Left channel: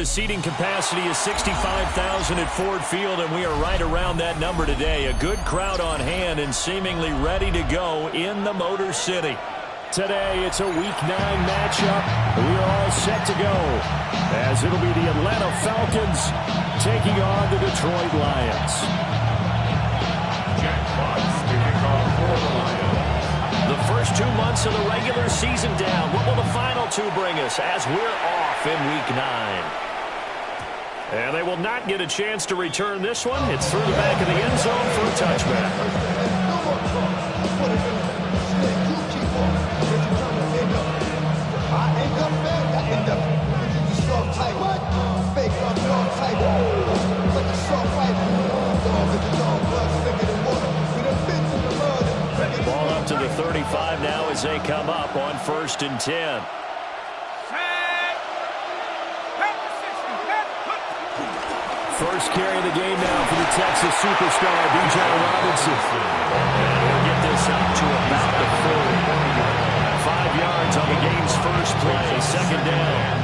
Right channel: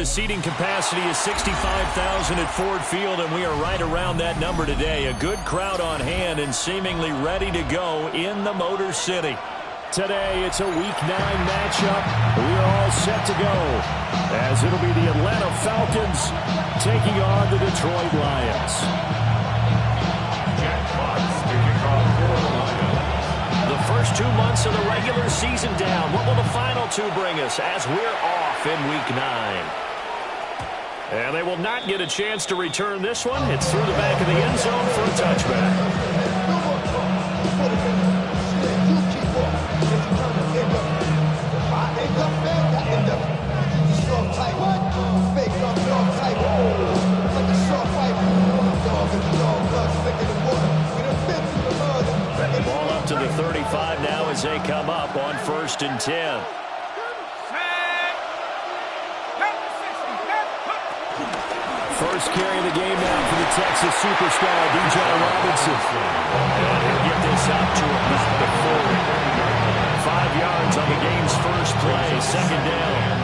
the seating capacity is 65,000 at Ford Field, and we are right around that number today. A good crowd on hand and seemingly ready to go in the Motor City. Today, it's a Week 9 matchup. We are all set to go, as it'll be the Atlanta Falcons taking on the Detroit Lions. Jack Fox to kick off for the Lions. The first 2 months of the regular season down. What will the final 2 bring us as we're off in Week 9? And they will not get a chance to return this one. It's through the back of the end zone for a touchback. Ball up to the 35 now as they come up on 1st and 10. First carry of the game now for the Texas superstar, Bijan Robinson. And he'll get this up to about the 40. 5 yards on the game's first play, 2nd down.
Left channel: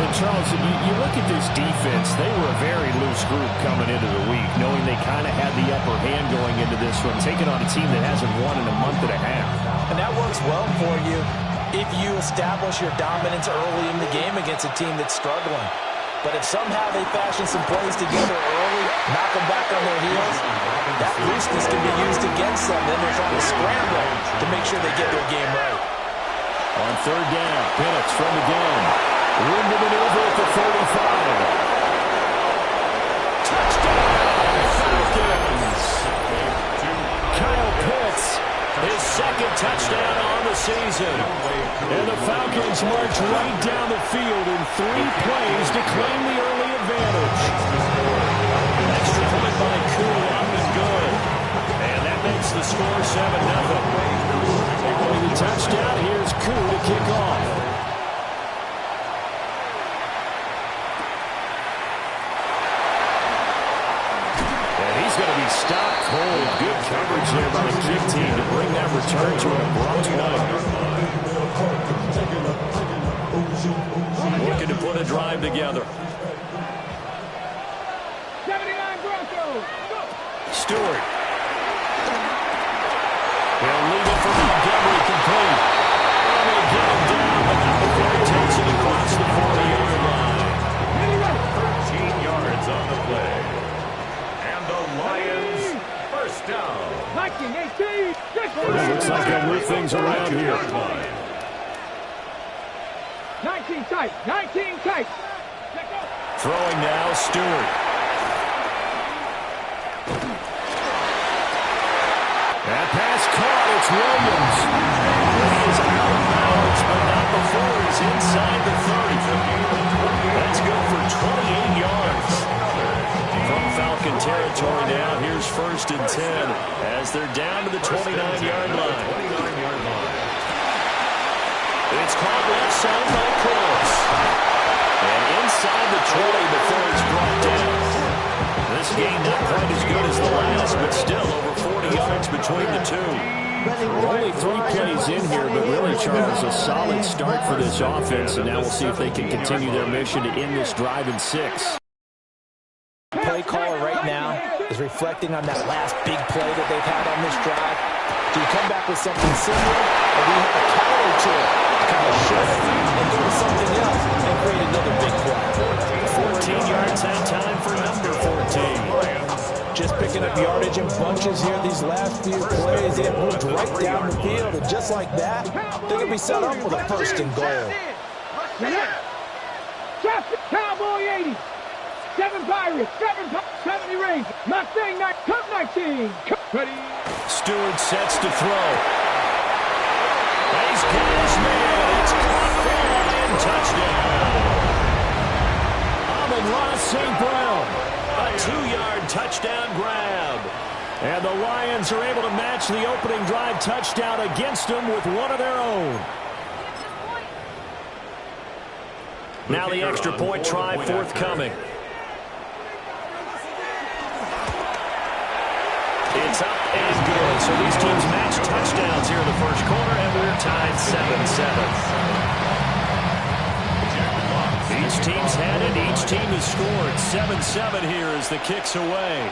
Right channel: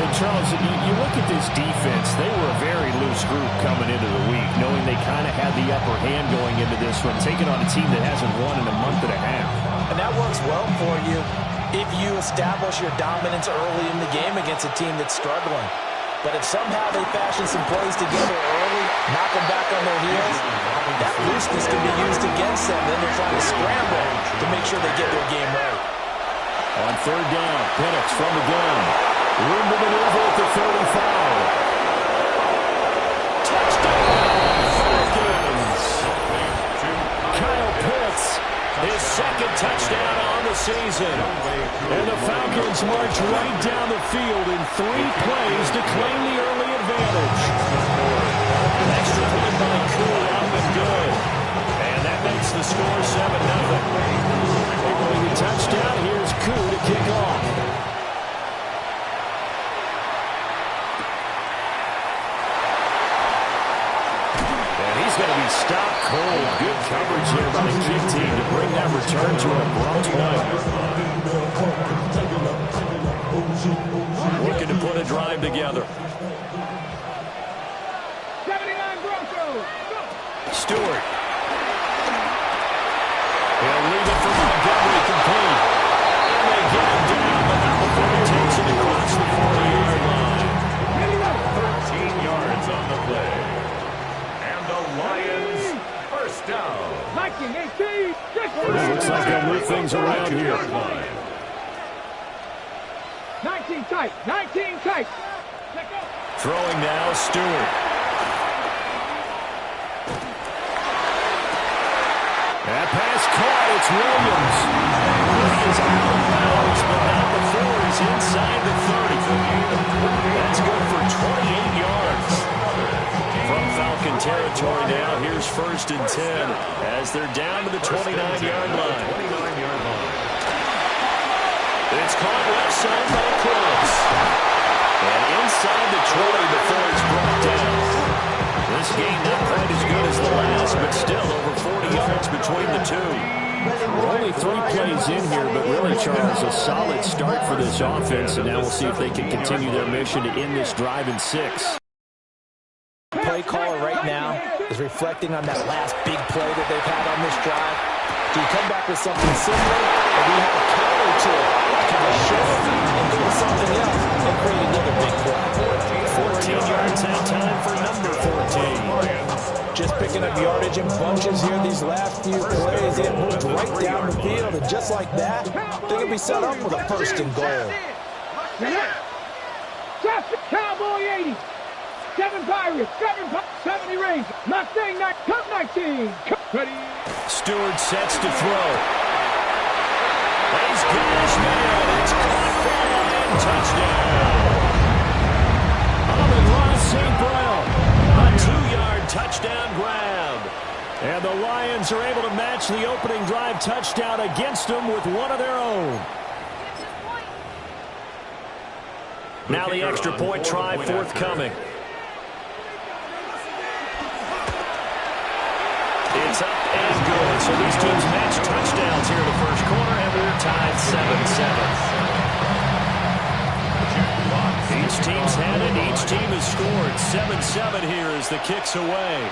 And Charles, you look at this defense, they were a very loose group coming into the week, knowing they kind of had the upper hand going into this one, taking on a team that hasn't won in a month and a half. And that works well for you if you establish your dominance early in the game against a team that's struggling. But if somehow they fashion some plays together early, knock them back on their heels, that looseness can be used against them. Then they're trying to scramble to make sure they get their game right. On 3rd down, Penix from the gun. Room to maneuver at the 35. Touchdown, Falcons! Kyle Pitts, his 2nd touchdown on the season. And the Falcons march right down the field in 3 plays to claim the early advantage. Extra point by Koo, up and good. And that makes the score 7-0. Following the touchdown, here's Koo to kick off. He's going to be stopped cold. Good coverage there by the kick team to bring that return to an abrupt point. Looking to put a drive together. 79 Broncos. Stewart. He'll leave it for Montgomery complete. And they get him down, but not before he takes it across the 40-yard line. 13 yards on the play. The Lions, first down. 19, 18. Looks like they'll move things around here. 19 tight. 19 tight. Throwing now, Stewart. That pass caught. It's Williams. And he is out of bounds, but not before he's inside the 30. That's good for 28 yards. From Falcon territory now, here's 1st and 10 as they're down to the 29-yard line. It's caught left side by Close. And inside the 20 before it's brought down. This game not quite as good as the last, but still over 40 yards between the two. We're only 3 plays in here, but really, Charles, a solid start for this offense, and now we'll see if they can continue their mission to end this drive in 6. Play caller right now is reflecting on that last big play that they've had on this drive. Do you come back with something similar, or do you have a counter to it to kind of show it and go to something else and create another big play? 14 yards that time for number 14. Just picking up yardage in bunches here these last few plays. They have moved right down the field, and just like that, they're going to be set up with a 1st and goal. Cowboy 80. 7 Pirates, 70 Rangers, Mustang, Cup 19. Ready. Stewart sets to throw. He's got his man. It's caught for a Lion touchdown. Amon-Ra St. Brown. A 2-yard touchdown grab. And the Lions are able to match the opening drive touchdown against them with one of their own. Now the extra point try forthcoming. It's up and good. So these teams match touchdowns here in the first quarter, and we're tied 7-7. Jack Fox Each team's had it. Each team has scored. 7-7 here as the kick's away.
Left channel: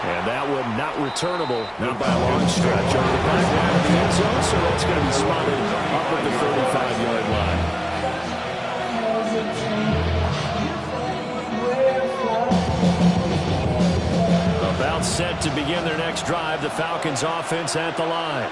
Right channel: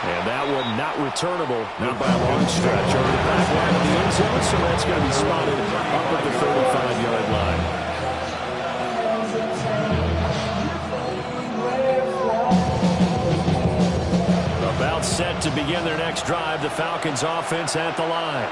And that one not returnable, not by a long stretch, over the back line of the end zone, so that's going to be spotted up at the 35-yard line. About set to begin their next drive, the Falcons offense at the line.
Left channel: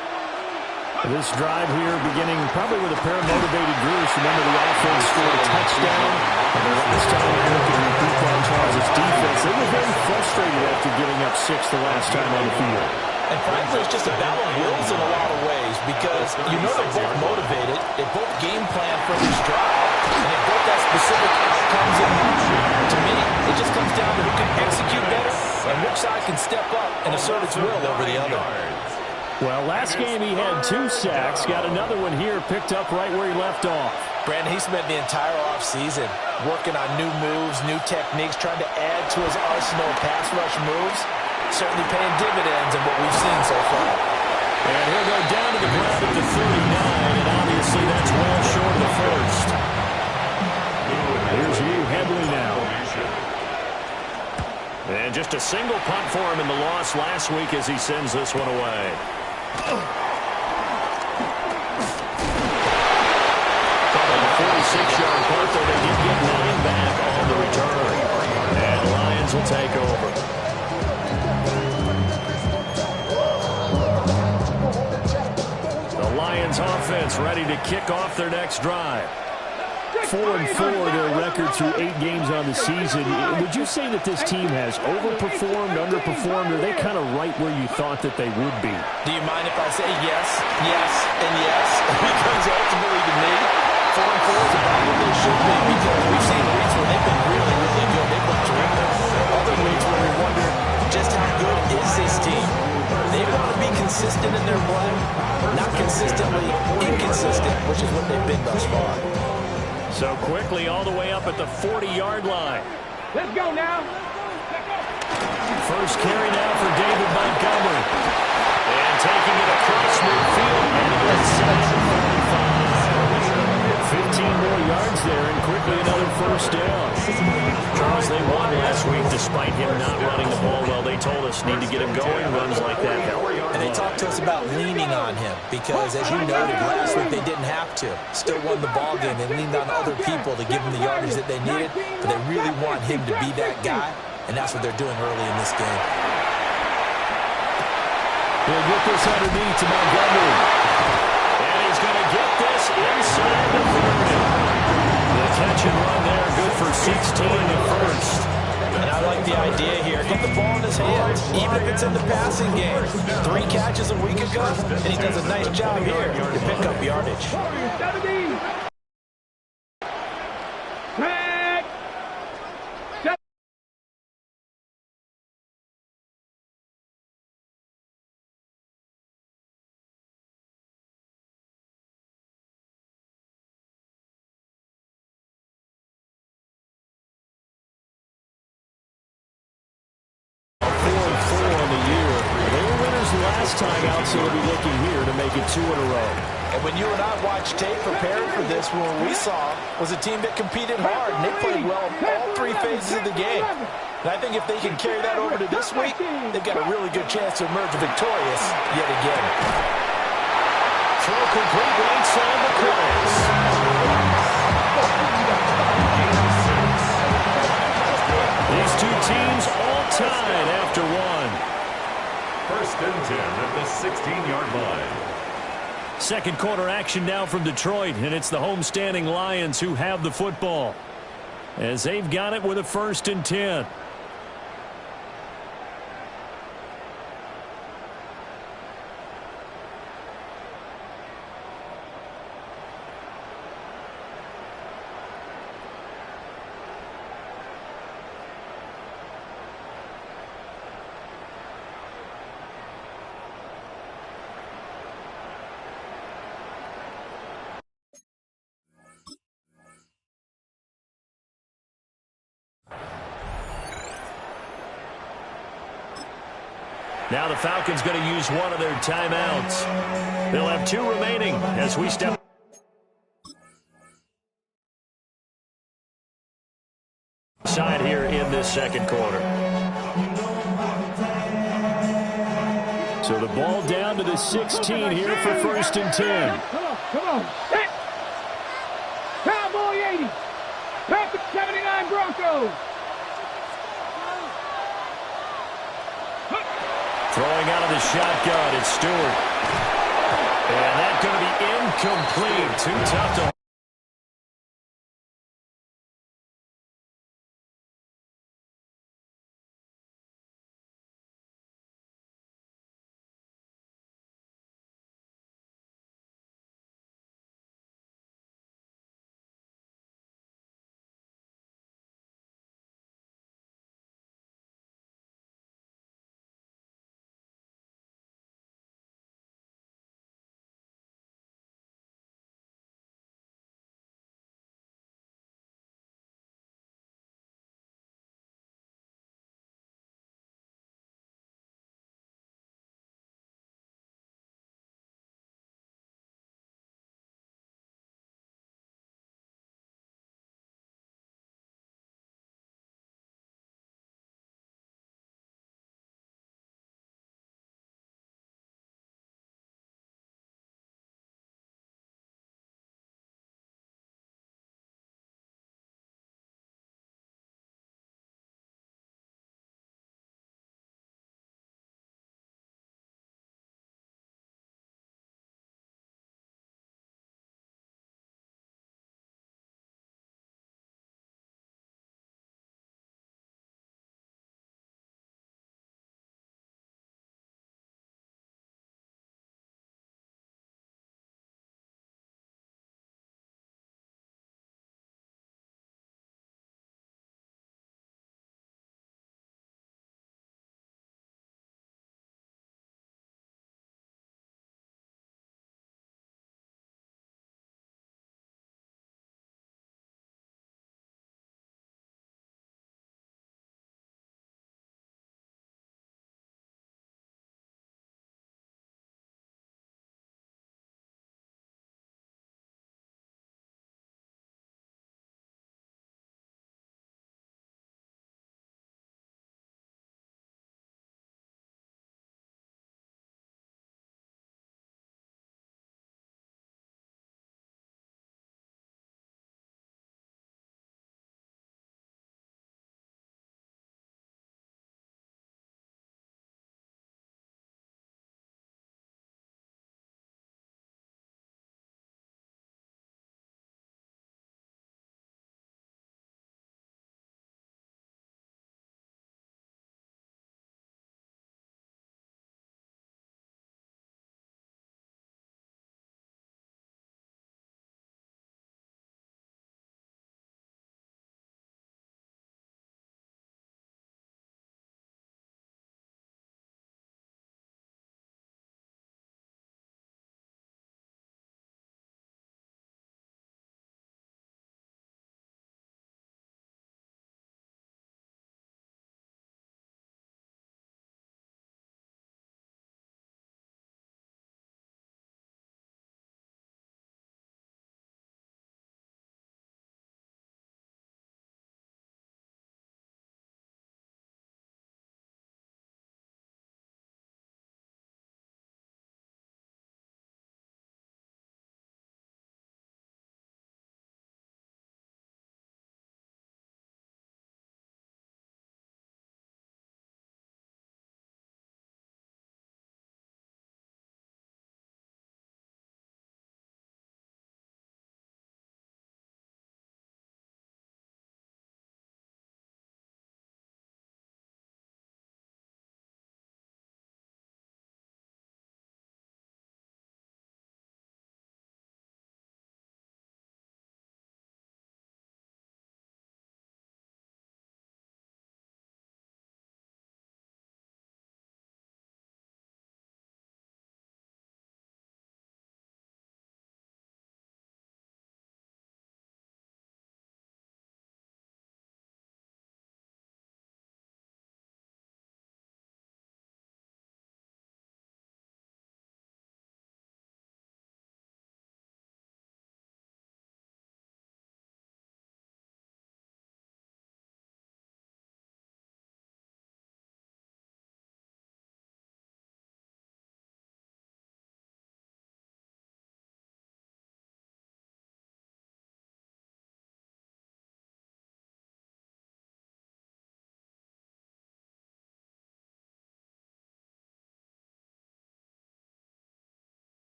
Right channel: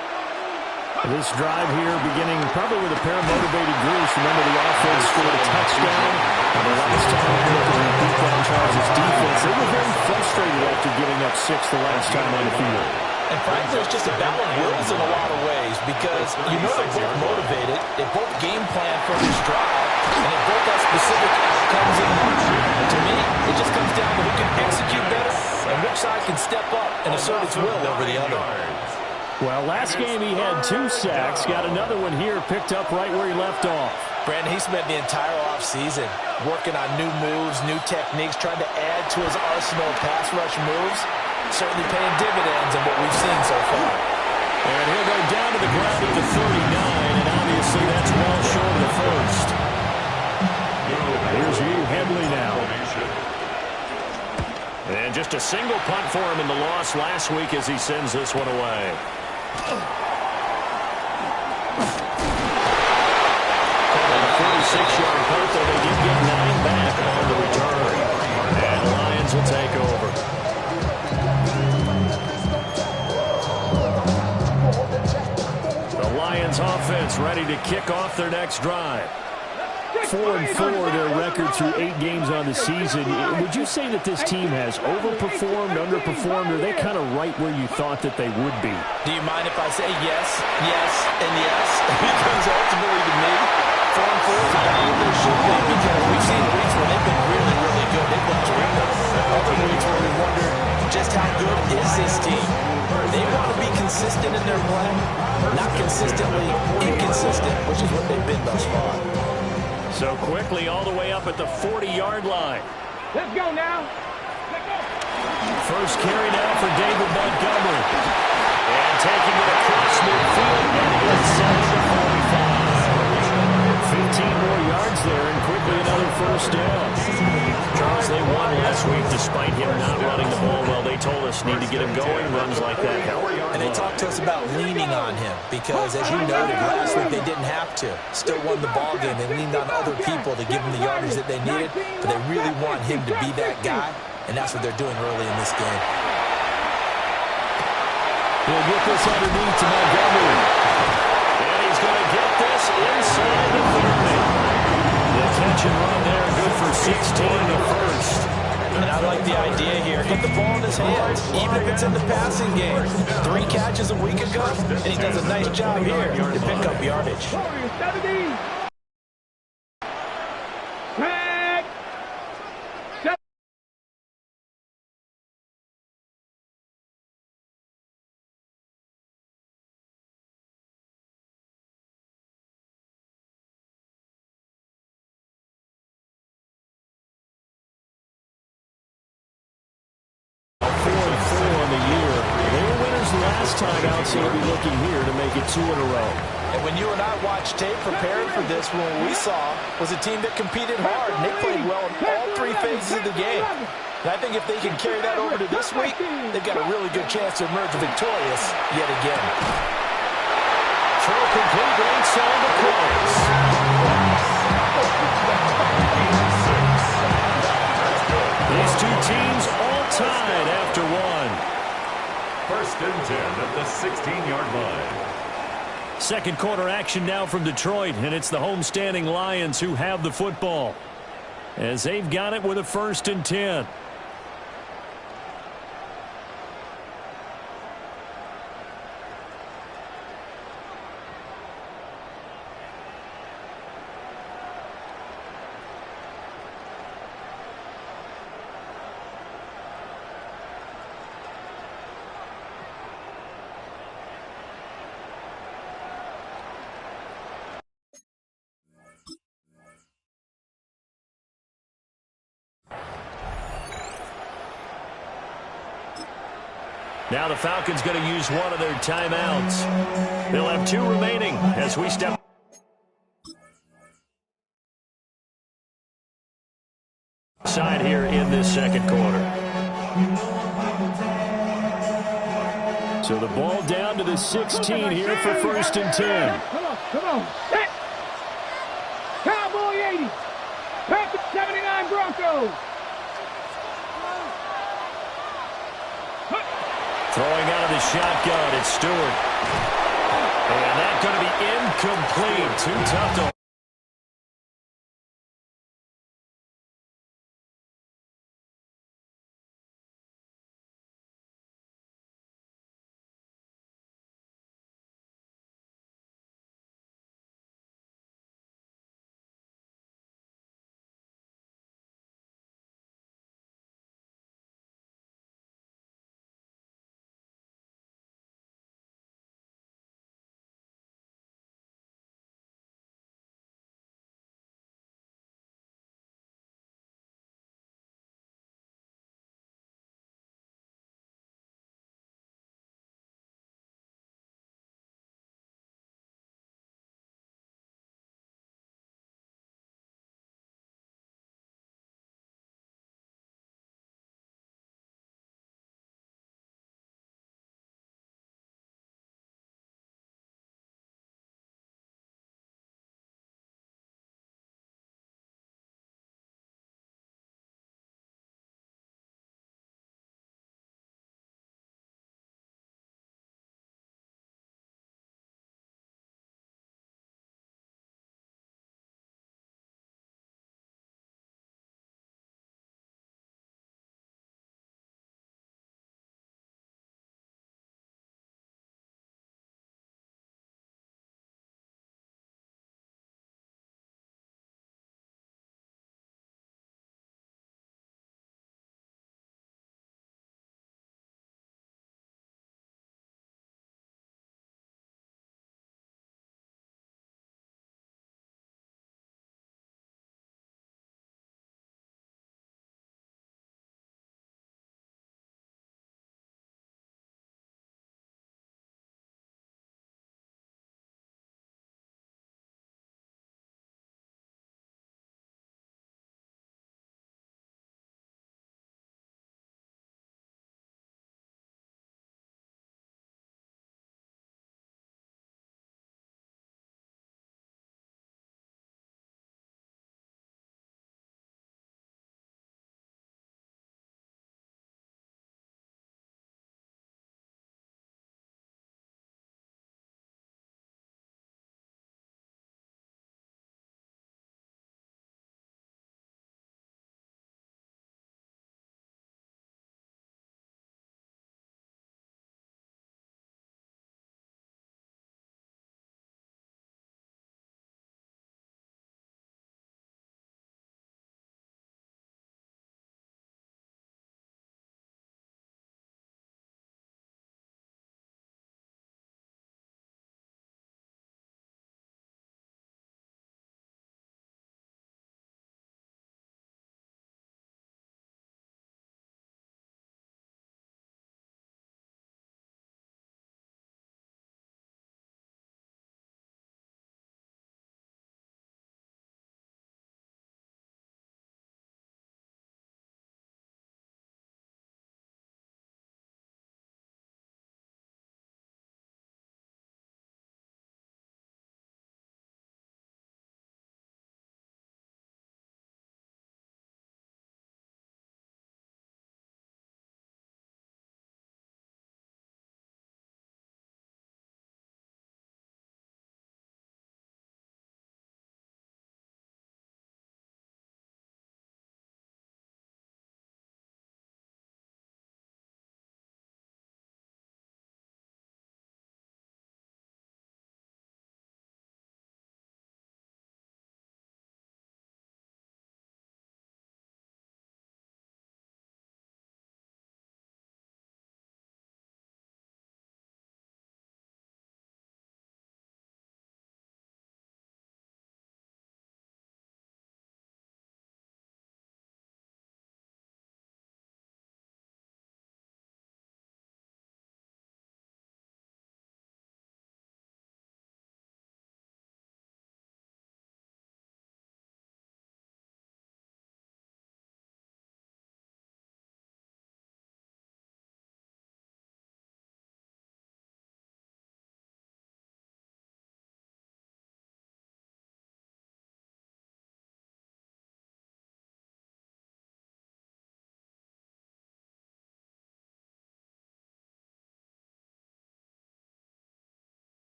This drive here beginning probably with a pair of motivated groups. Remember, the offense scored a touchdown. And the last time we looked at repeat that Charles' defense, they were very frustrated after giving up 6 the last time on the field. And frankly, it's just a battle of wills in a lot of ways because you know they're both motivated. They both game plan for this drive, and they both have specific outcomes in mind. To me, it just comes down to who can execute better and which side can step up and assert its will over the other. Well, last game he had 2 sacks. Got another one here, picked up right where he left off. Brandon, he spent the entire offseason working on new moves, new techniques, trying to add to his arsenal of pass rush moves. Certainly paying dividends in what we've seen so far. And he'll go down to the ground at the 39, and obviously that's well short of the first. Here's Lou Headley now. And just a single punt for him in the loss last week as he sends this one away. Called on a 46-yard punt, though they did get 9 back on the return. And the Lions will take over. The Lions offense ready to kick off their next drive. 4-4 their record through 8 games on the season. Would you say that this team has overperformed, underperformed, or are they kind of right where you thought that they would be? Do you mind if I say yes, yes, and yes? Because ultimately to me, 4-4 is about what they should be because we've seen weeks where they've been really, really good. They've been terrific. Other weeks where we wonder just how good is this team. They want to be consistent in their play, not consistently inconsistent, which is what they've been thus far. So quickly all the way up at the 40-yard line. Let's go now. Let's go. First carry now for David Montgomery. And taking it across midfield and inside the 45. 15 more yards there and quickly another first down. Charles, they won last week despite him not running the ball well. They told us need to get him going. Runs like that help. And they talked to us about leaning on him because, as you noted, last week they didn't have to. Still won the ball game. They leaned on other people to give them the yardage that they needed, but they really want him to be that guy, and that's what they're doing early in this game. He'll get this underneath to Montgomery. And he's going to get this inside the 30. The catch and run there, good for 16 the first. And I like the idea here. Get the ball in his hands, even if it's in the passing game. 3 catches a week ago, and he does a nice job here to pick up yardage. 70. Tag. 4-4 on the year. They were winners last time out, so they'll be looking here to make it 2 in a row. And when you and I watched tape preparing for this, what we saw was a team that competed hard, and they played well in all 3 phases of the game. And I think if they can carry that over to this week, they've got a really good chance to emerge victorious yet again. Throw complete right side the course. These 2 teams all tied after 1. First and 10 at the 16-yard line. Second quarter action now from Detroit, and it's the homestanding Lions who have the football as they've got it with a 1st and 10. Now the Falcons going to use one of their timeouts. They'll have 2 remaining as we step Side here in this second quarter. So the ball down to the 16 here for 1st and 10. Come on. Set. Cowboy 80. Perfect 79 Broncos. Throwing out of the shotgun, it's Stewart. And that's going to be incomplete. Too tough to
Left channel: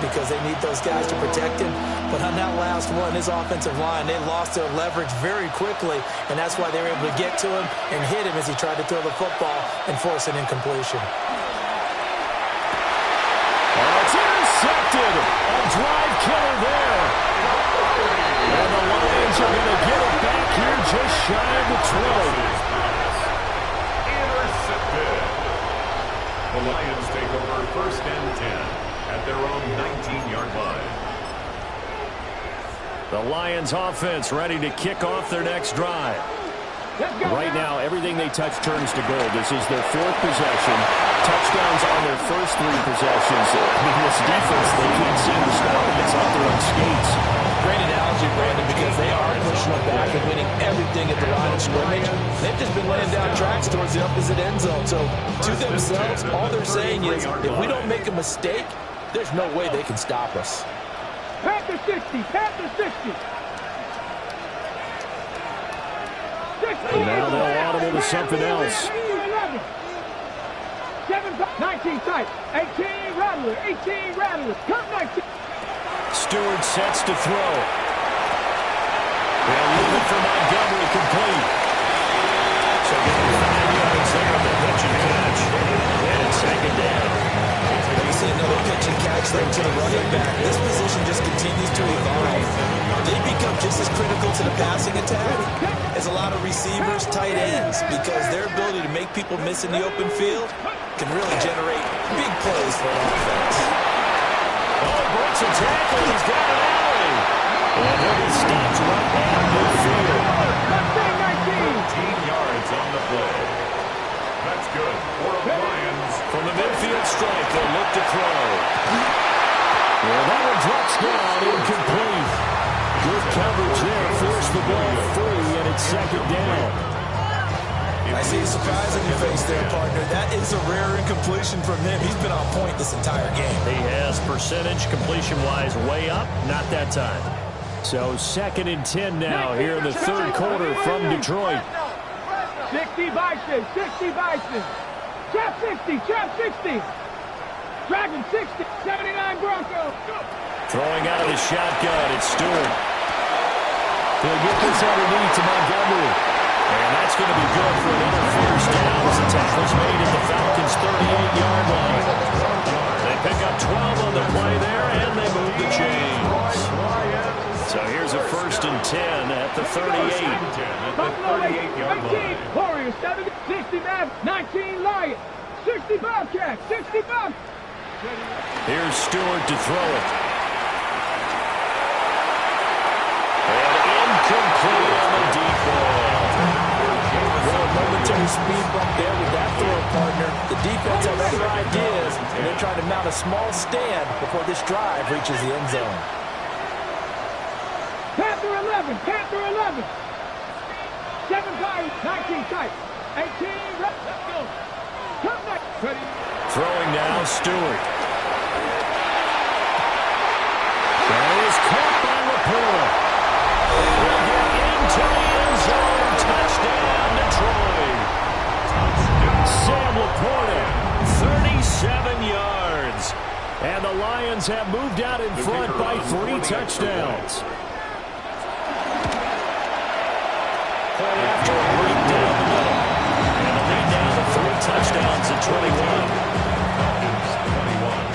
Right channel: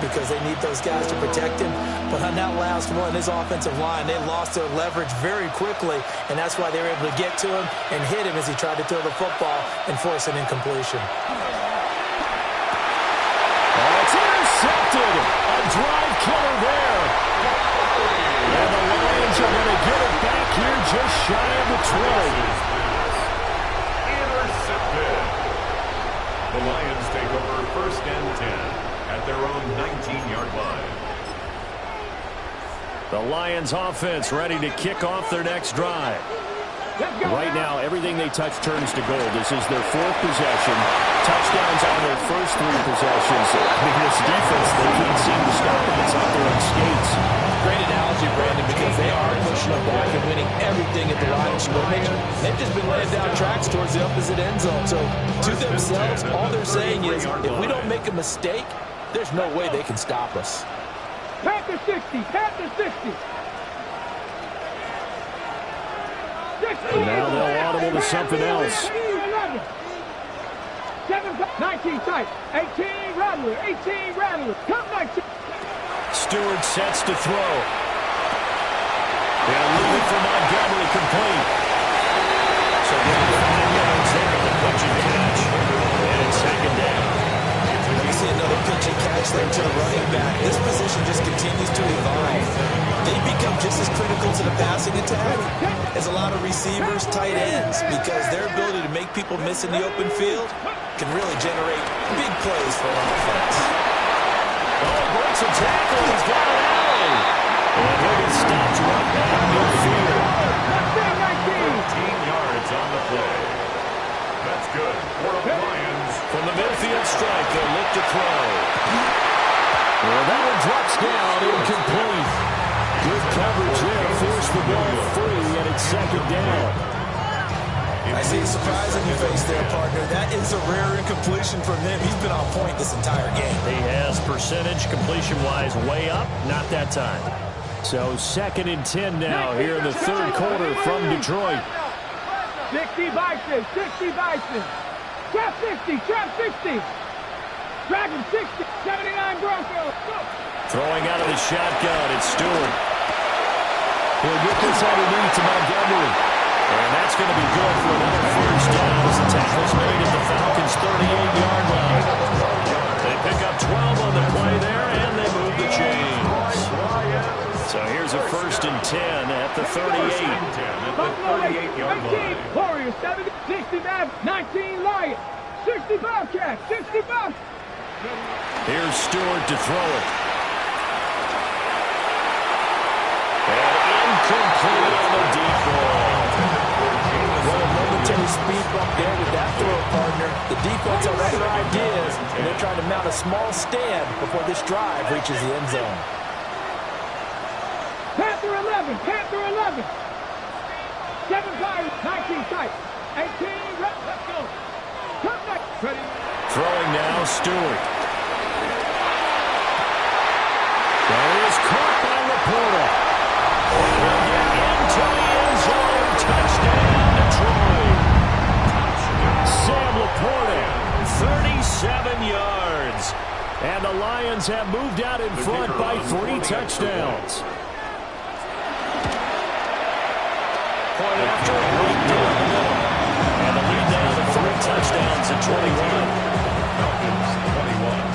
because they need those guys to protect him. But on that last one, his offensive line, they lost their leverage very quickly, and that's why they were able to get to him and hit him as he tried to throw the football and force an incompletion. It's intercepted. A drive killer there. And the Lions are going to get it back here just shy of the 20. Intercepted. The Lions take over 1st and 10 at their own 19-yard line. The Lions offense ready to kick off their next drive. Right now, everything they touch turns to gold. This is their 4th possession. Touchdowns on their first 3 possessions. I mean, this defense, they can't seem to stop them. It's like they're on skates. Great analogy, Brandon, because they are pushing them back and winning everything at the line of scrimmage. They've just been laying down tracks towards the opposite end zone. So, to themselves, all they're saying is, if we don't make a mistake, there's no way they can stop us. Panther 60, Panther 60. Now they'll audible to something else. 19 tight, 18 Rattler, 18 Rattler, come 19. Stewart sets to throw. They'll leave it for Montgomery complete. So getting 5 yards there on the pitch and catch. And it's 2nd down. Let me see another pitch and catch there to the running back. This position just continues to evolve. They become just as critical to the passing attack as a lot of receivers, tight ends, because their ability to make people miss in the open field can really generate big plays for an offense. Oh, he breaks a tackle. He's got an alley. And he'll be stopped right at midfield. 13 yards on the play. That's good for the Lions. From the midfield strike, they'll look to throw. Well, that one drops down, incomplete. Good coverage there, forced the ball free, and it's 2nd down. I see a surprise on your face there, partner. That is a rare incompletion from him. He's been on point this entire game. He has percentage completion-wise way up, not that time. So 2nd and 10 now here in the 3rd quarter from Detroit. 60 Bison, 60 Bison. Trap 60, trap 60. Dragon 60, 79 Broncos. Go. Throwing out of the shotgun, it's Stewart. He'll get this underneath to Montgomery. And that's going to be good for another 1st down as the tackle's made at the Falcons' 38-yard line. They pick up 12 on the play there, and they move the chains. So here's a 1st and 10 at the 38. Buffalo 18, Warriors 70, 60 Mavs, 19 Lions, 60 Bobcats, 60 Bobcats. Here's Stewart to throw it. And incomplete on the deep ball. Well, a momentary speed bump there with that throw, partner. The defense has other ideas, and they're trying to mount a small stand before this drive reaches the end zone. Panther 11, Panther 11. 7 Pirates, 19 tight, 18, let's go. Come next, ready. Throwing now, Stewart. That is caught by Laporta. And he'll get into the end zone. Touchdown, Detroit. Sam Laporta, 37 yards. And the Lions have moved out in front by 3 touchdowns. Point after, right down the middle. And the lead now to 3 touchdowns at 21. Falcons 21.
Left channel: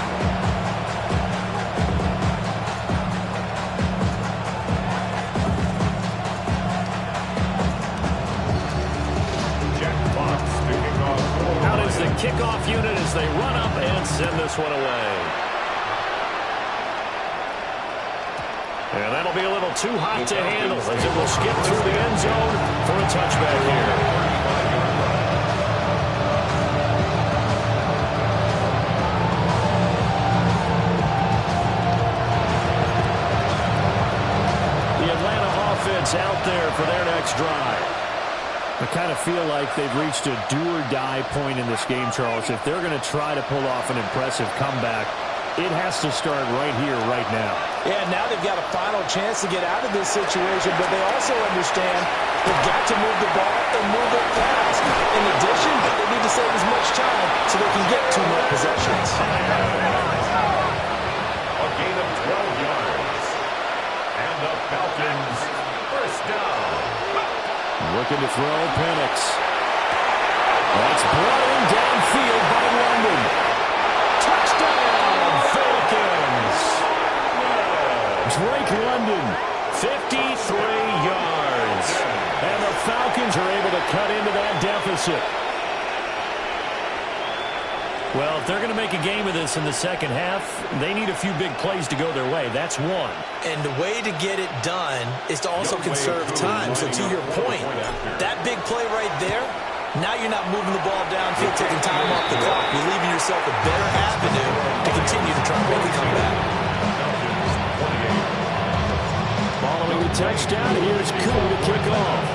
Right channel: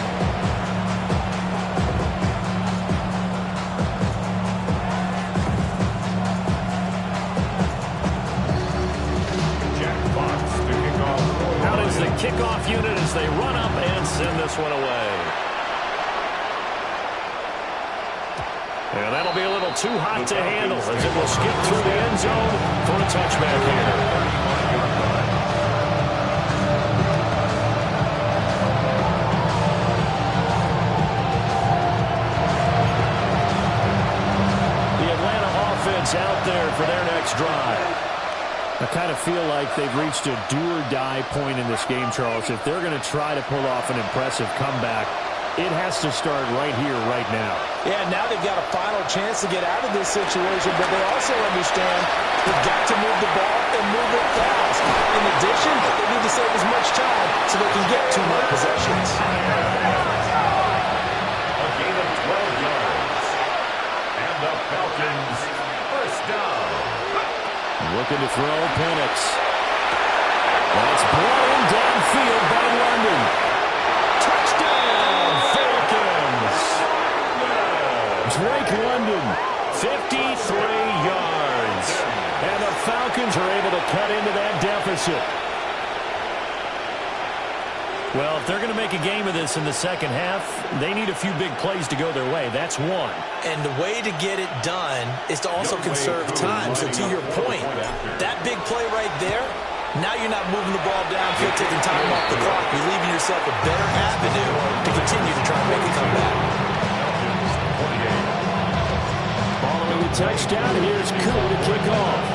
Jack Fox to kick off. Out is the kickoff unit as they run up and send this one away. And that'll be a little too hot to handle as it will skip through the end zone for a touchback here. The Atlanta offense out there for their next drive. I kind of feel like they've reached a do-or-die point in this game, Charles. If they're going to try to pull off an impressive comeback, it has to start right here, right now. Yeah, now they've got a final chance to get out of this situation, but they also understand they've got to move the ball and move it fast. In addition, they need to save as much time so they can get 2 more possessions. A gain of 12 yards. And the Falcons, first down. Looking to throw, Penix. That's brought in downfield by London. Touchdown, Falcons. Drake London, 53 yards. And the Falcons are able to cut into that deficit. Well, if they're going to make a game of this in the second half, they need a few big plays to go their way. That's one. And the way to get it done is to also conserve time. So to your point, that big play right there, now you're not moving the ball downfield, taking time off the clock. You're leaving yourself a better avenue to continue to try and make a comeback. Following the touchdown, here's Koo to kick off.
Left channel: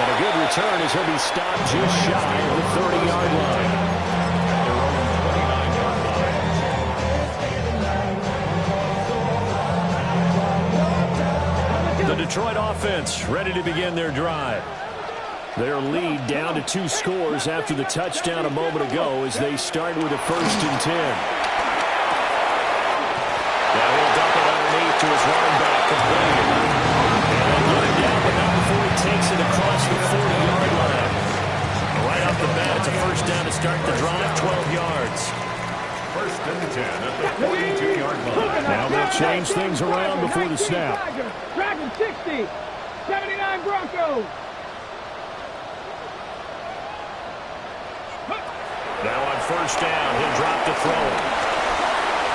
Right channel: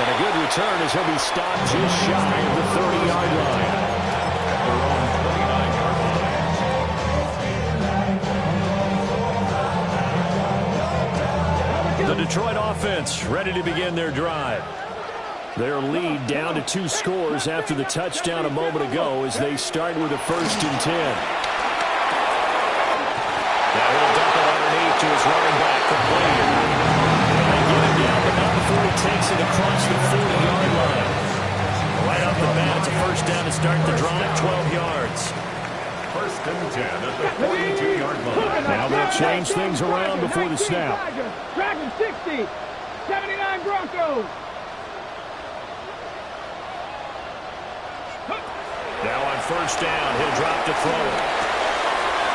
And a good return as he'll be stopped just shy of the 30-yard line. At their own 29-yard line. The Detroit offense ready to begin their drive. Their lead down to 2 scores after the touchdown a moment ago as they start with a 1st and 10. Now he'll dump it underneath to his running back, complete. And get him down, but not before he takes it across the 40-yard line. Right off the bat, it's a 1st down to start the drive, 12 yards. 1st and 10 at the 42-yard line. Now they'll change things around before the snap. Dragon 60, 79 Broncos. Now on 1st down, he'll drop to throw it.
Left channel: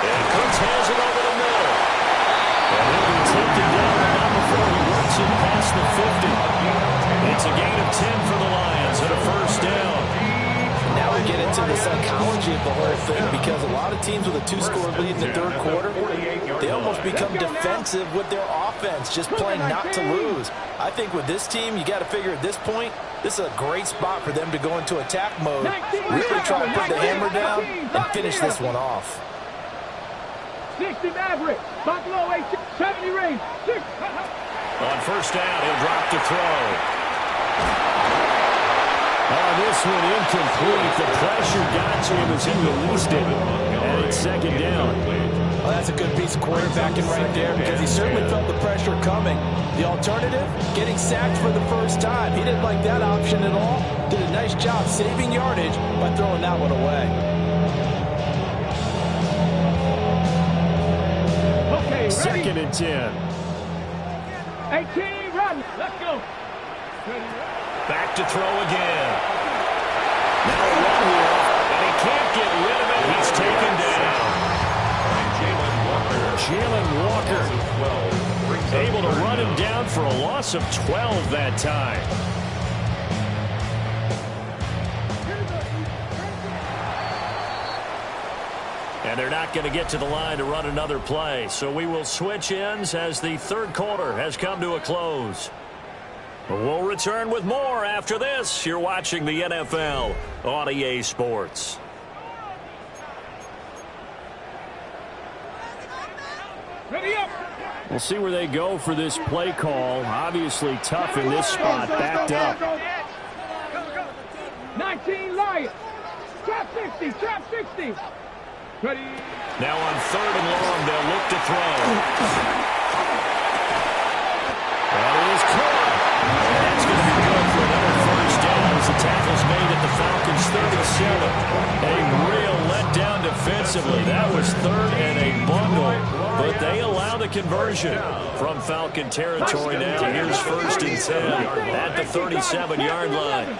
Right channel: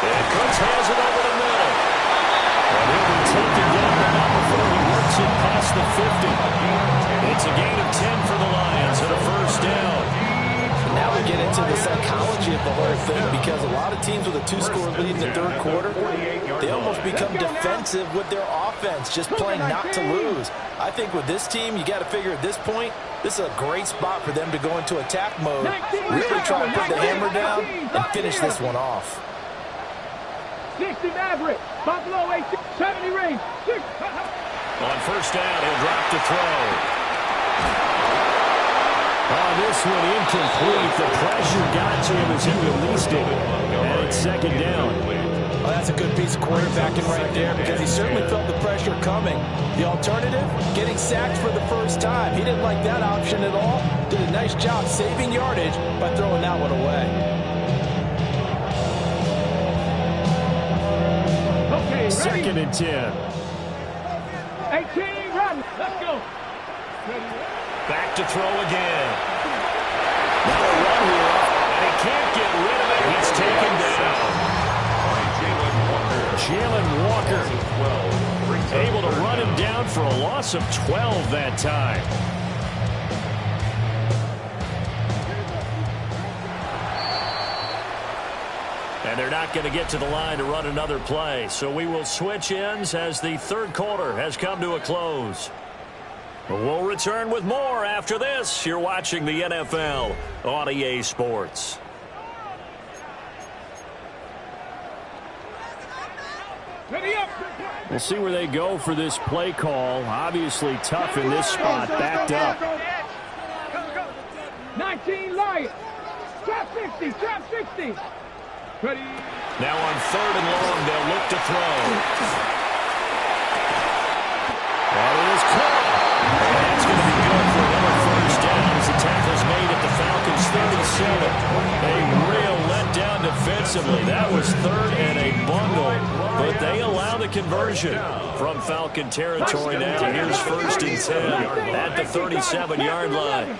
And Cooks has it over the middle. And he'll be taken down, but not before he works it past the 50. It's a gain of 10 for the Lions and a 1st down. Now we get into the psychology of the whole thing, because a lot of teams with a 2-score lead in the 3rd quarter, they almost become defensive with their offense, just playing not to lose. I think with this team, you got to figure at this point, this is a great spot for them to go into attack mode, really try to put the hammer down and finish this one off. 60 Maverick, Buffalo 18, 70 range. On 1st down, he'll drop to throw. On this one, incomplete. The pressure got to him as he released it. And it's 2nd down. Well, that's a good piece of quarterbacking right there, because he certainly felt the pressure coming. The alternative, getting sacked for the 1st time. He didn't like that option at all. Did a nice job saving yardage by throwing that one away. Okay, 2nd and 10. 18, run. Let's go. Back to throw again. Now a run here, and he can't get rid of it. He's taken down. Jalen Walker able to run him down for a loss of 12 that time. And they're not going to get to the line to run another play. So we will switch ends as the 3rd quarter has come to a close. We'll return with more after this. You're watching the NFL on EA Sports. We'll see where they go for this play call. Obviously tough in this spot, backed up. 19 Lions. Trap 60, trap 60. Ready. Now on 3rd and long, they'll look to throw. That is caught. And that's going to be good for another 1st down as the tackle's made at the Falcons' 37. A real letdown defensively. That was 3rd and a bundle, but they allow the conversion from Falcon territory now. Here's 1st and 10 at the 37-yard line.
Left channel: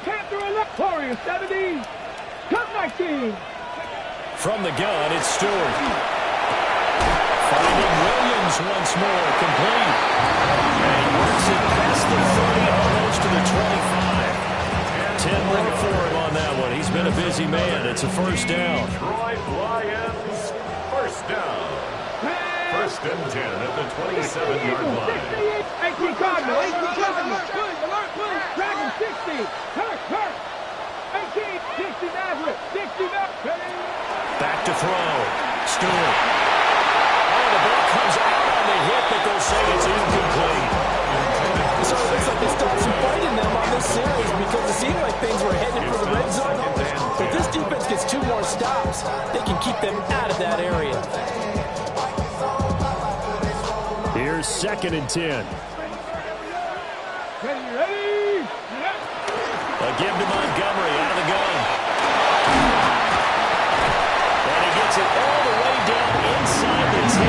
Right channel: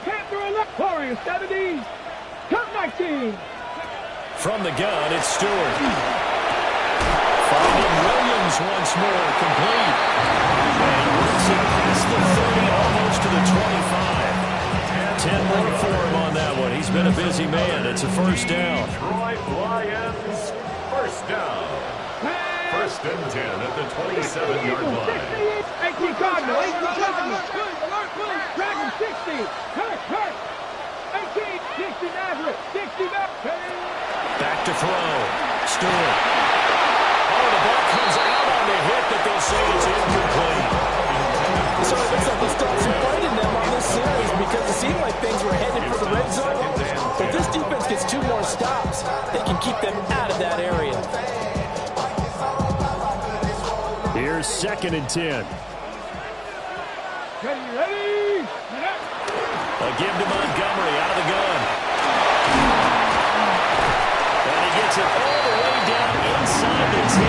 Warriors 70. Cut 19. From the gun, it's Stewart. Finding Williams once more, complete. And he works it past the 30, almost to the 25. 10 more for him on that one. He's been a busy man. It's a 1st down. Detroit Lions, 1st down. 1st and 10 at the 27-yard line. 18 Cardinal, 18 Cardinal. Dragon 60. Hurt. 18, 60 Maverick, 60 Maverick. Back to throw. Stewart. Oh, the ball comes out on the hit, but they'll say it's incomplete. So it looks like they still have some fight in them on this series because it seemed like things were headed for the red zone. If this defense gets 2 more stops, they can keep them out of that area. Here's 2nd and 10. Ready. A give to Montgomery out of the gun. And he gets it all the way down inside the 10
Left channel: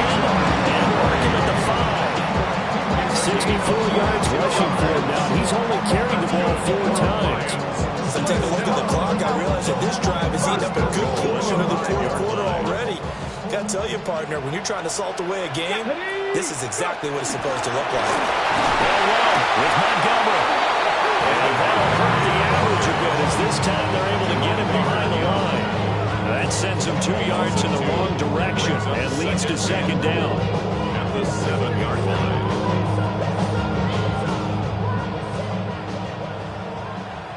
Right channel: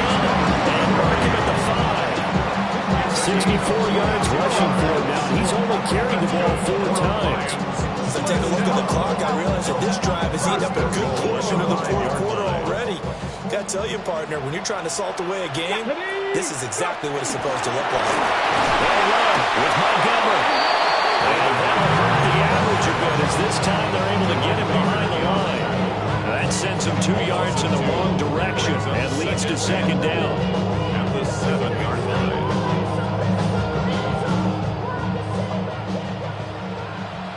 and mark him at the 5. 64 yards rushing for him now. He's only carried the ball 4 times. So take a look at the clock. I realize that this drive has eaten up a good portion of the 4th quarter already. Got to tell you, partner, when you're trying to salt away a game, this is exactly what it's supposed to look like. They'll run with Montgomery. And that'll hurt the average a bit as this time they're able to get him behind the line. That sends him 2 yards in the wrong direction and leads to 2nd down. At the 7-yard line.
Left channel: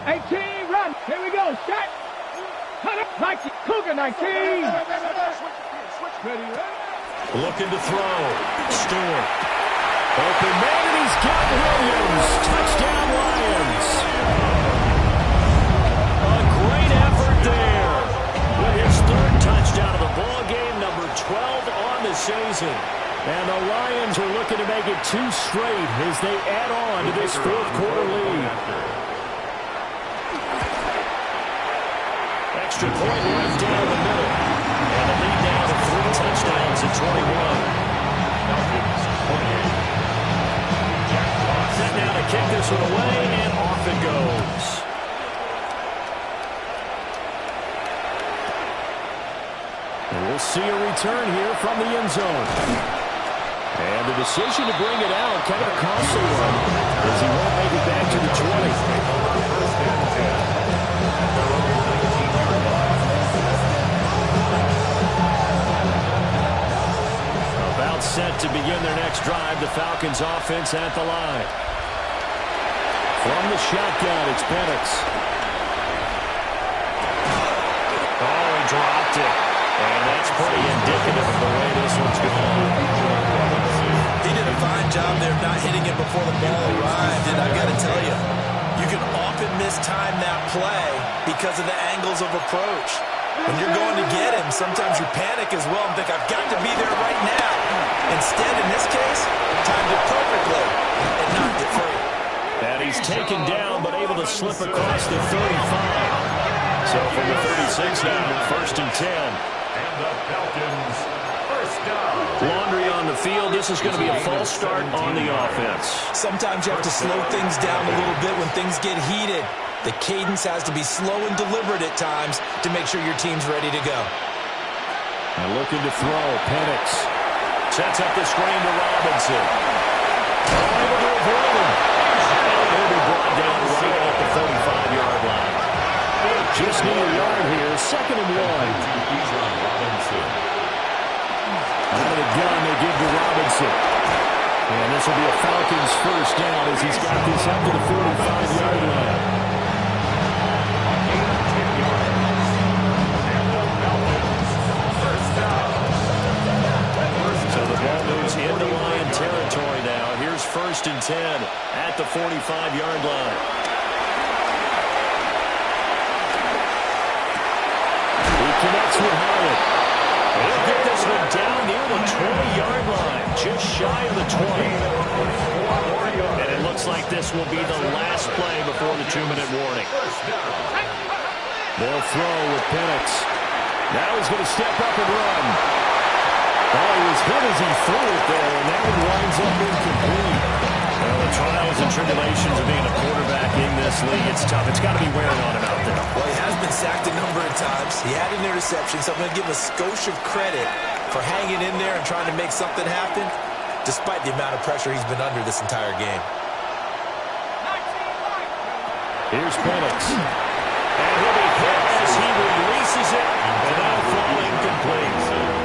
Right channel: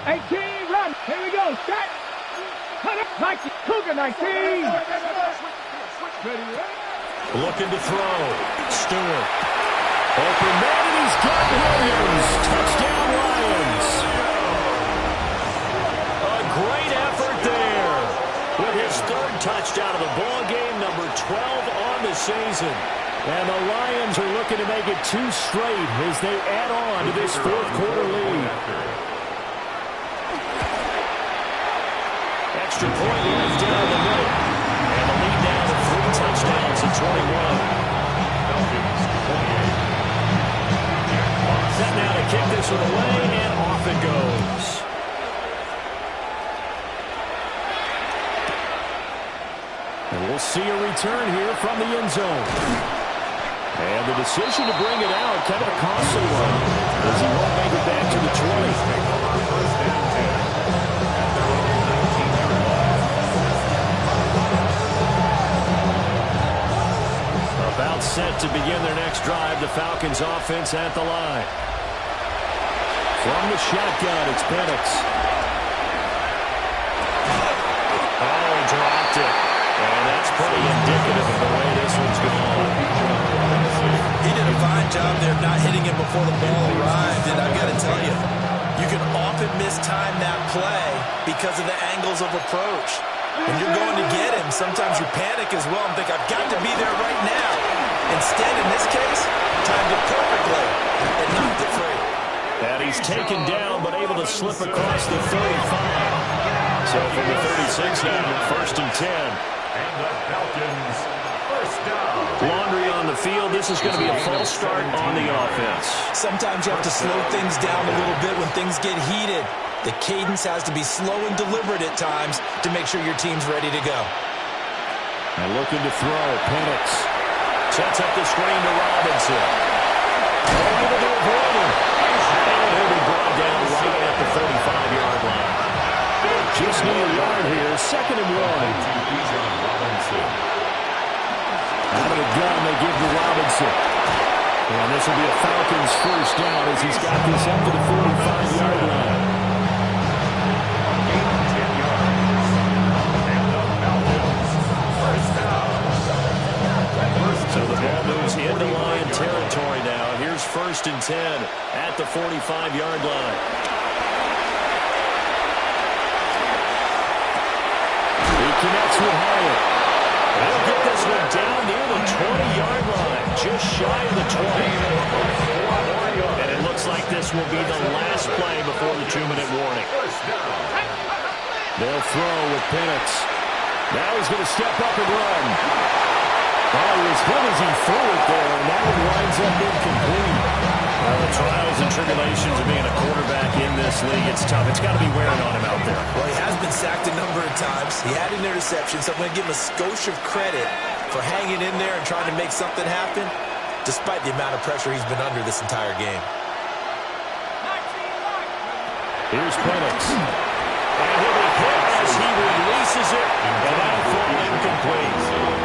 18, run. Here we go. Set. Cut up. 19. Cougar 19. Ready. Looking to throw. Stewart. Open man, and he's got Williams. Touchdown, Lions. A great effort there. With his 3rd touchdown of the ball game, number 12 on the season. And the Lions are looking to make it 2 straight as they add on to this 4th quarter lead. Extra point right down the middle. And the lead now to 3 touchdowns at 21. Falcons 28. Set now to kick this one away, and off it goes. And we'll see a return here from the end zone. And the decision to bring it out, kind of a costly one, as he won't make it back to the 20. First and 10 at their own 19-yard line. About set to begin their next drive, the Falcons offense at the line. From the shotgun, it's Penix. Oh, he dropped it. And that's pretty indicative of the way this one's going. He did a fine job there of not hitting it before the ball arrived. And I've got to tell you, you can often mistime that play because of the angles of approach. When you're going to get him, sometimes you panic as well and think, I've got to be there right now. Instead, in this case, timed it perfectly and knocked it free. And he's taken down, but able to slip across the 35. So from the 36 now, 1st and 10. And the Falcons, first down. Laundry on the field. This is going to be a false start on the offense. Sometimes you have to slow things down a little bit when things get heated. The cadence has to be slow and deliberate at times to make sure your team's ready to go. And looking to throw, Penix. Sets up the screen to Robinson. Oh, able to avoid him. And he'll be brought down right at the 35-yard line. Just need a yard here, 2nd and 1. Out of the gun, they give to Robinson. And this will be a Falcons first down as he's got this up to the 45-yard line. On gain of 10 yards. And the Falcons, first down. So the ball moves into Lion territory now. Here's 1st and 10 at the 45-yard line. He connects with Hyatt. He'll get this one down near the 20-yard line, just shy of the 20. And it looks like this will be the last play before the 2-minute warning. They'll throw with Penix. Now he's going to step up and run. Oh, he was hit as he threw it there, and that one winds up incomplete. Well, the trials and tribulations of being a quarterback in this league, it's tough. It's got to be wearing on him out there. Well, he has been sacked a number of times. He had an interception, so I'm going to give him a skosh of credit for hanging in there and trying to make something happen, despite the amount of pressure he's been under this entire game. Here's Penix. And he'll be hit as he releases it, and that'll fall incomplete.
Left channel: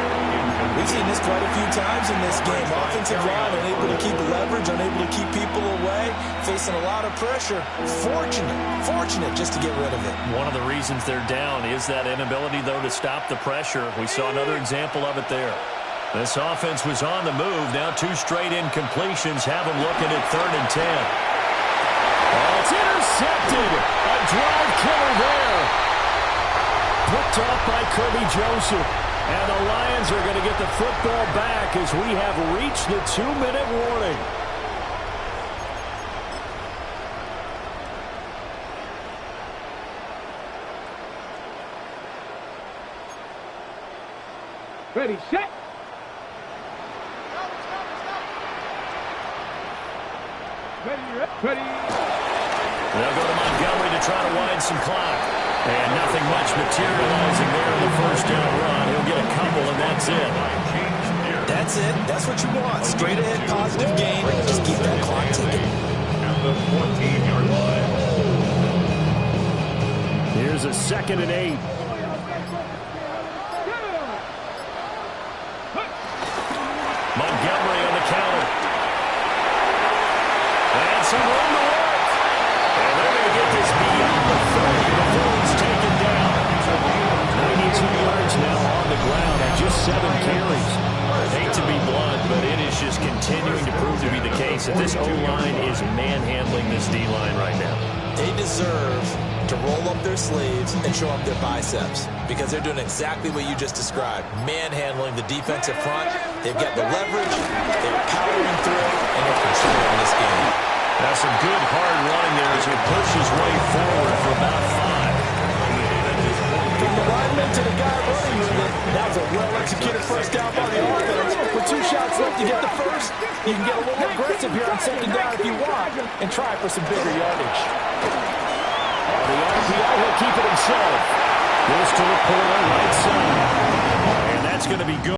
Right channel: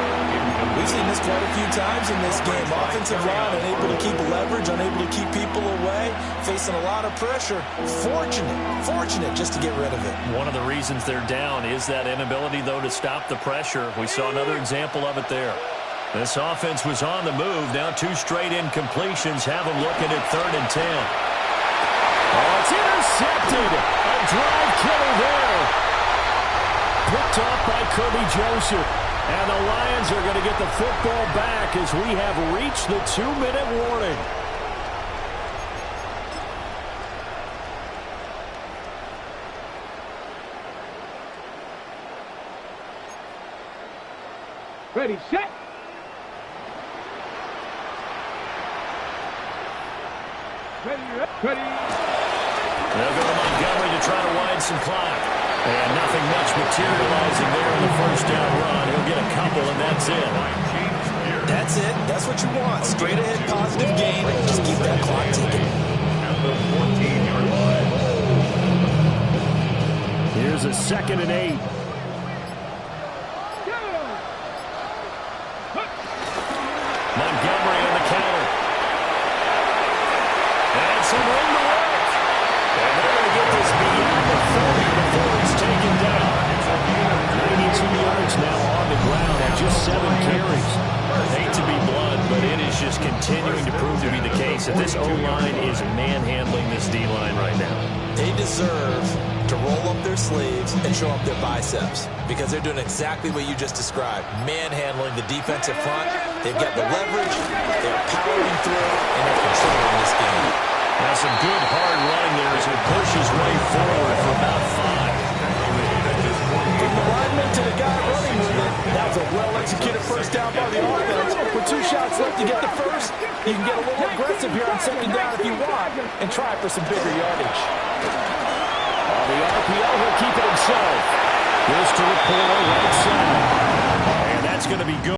We've seen this quite a few times in this game. Offensive line unable to keep leverage, unable to keep people away, facing a lot of pressure. Fortunate just to get rid of it. One of the reasons they're down is that inability, though, to stop the pressure. We saw another example of it there. This offense was on the move. Now 2 straight incompletions have them looking at 3rd and 10. Oh, it's intercepted. A drive killer there. Picked off by Kirby Joseph. And the Lions are going to get the football back as we have reached the 2-minute warning. Ready, set. Ready. They'll go to Montgomery to try to widen some clock. And nothing much materializing there in the first down run. He'll get a couple, and that's it. That's it. That's what you want. Straight ahead, positive gain. Just keep that clock ticking. At the 14-yard line. Here's a 2nd and 8. Montgomery on the counter. And some room to work. And they're going to get this beyond the 30 before he's taken down. 92 yards now on the ground at just 7 carries. Hate to be blunt, but it is just continuing to prove to be the case that this O-line is manhandling this D-line right now. They deserve to roll up their sleeves and show up their biceps because they're doing exactly what you just described, manhandling the defensive front. They've got the leverage, they're powering through, and they're controlling this game. That's some good hard running there as he pushes his way forward for about 5. From the lineman to the guy running with it, that was a well-executed first down by the offense. With 2 shots left to get the first, you can get a little aggressive here on 2nd down if you want and try for some bigger yardage. On the RPO, he'll keep it himself. This to Reporter right side. And that's going to be good.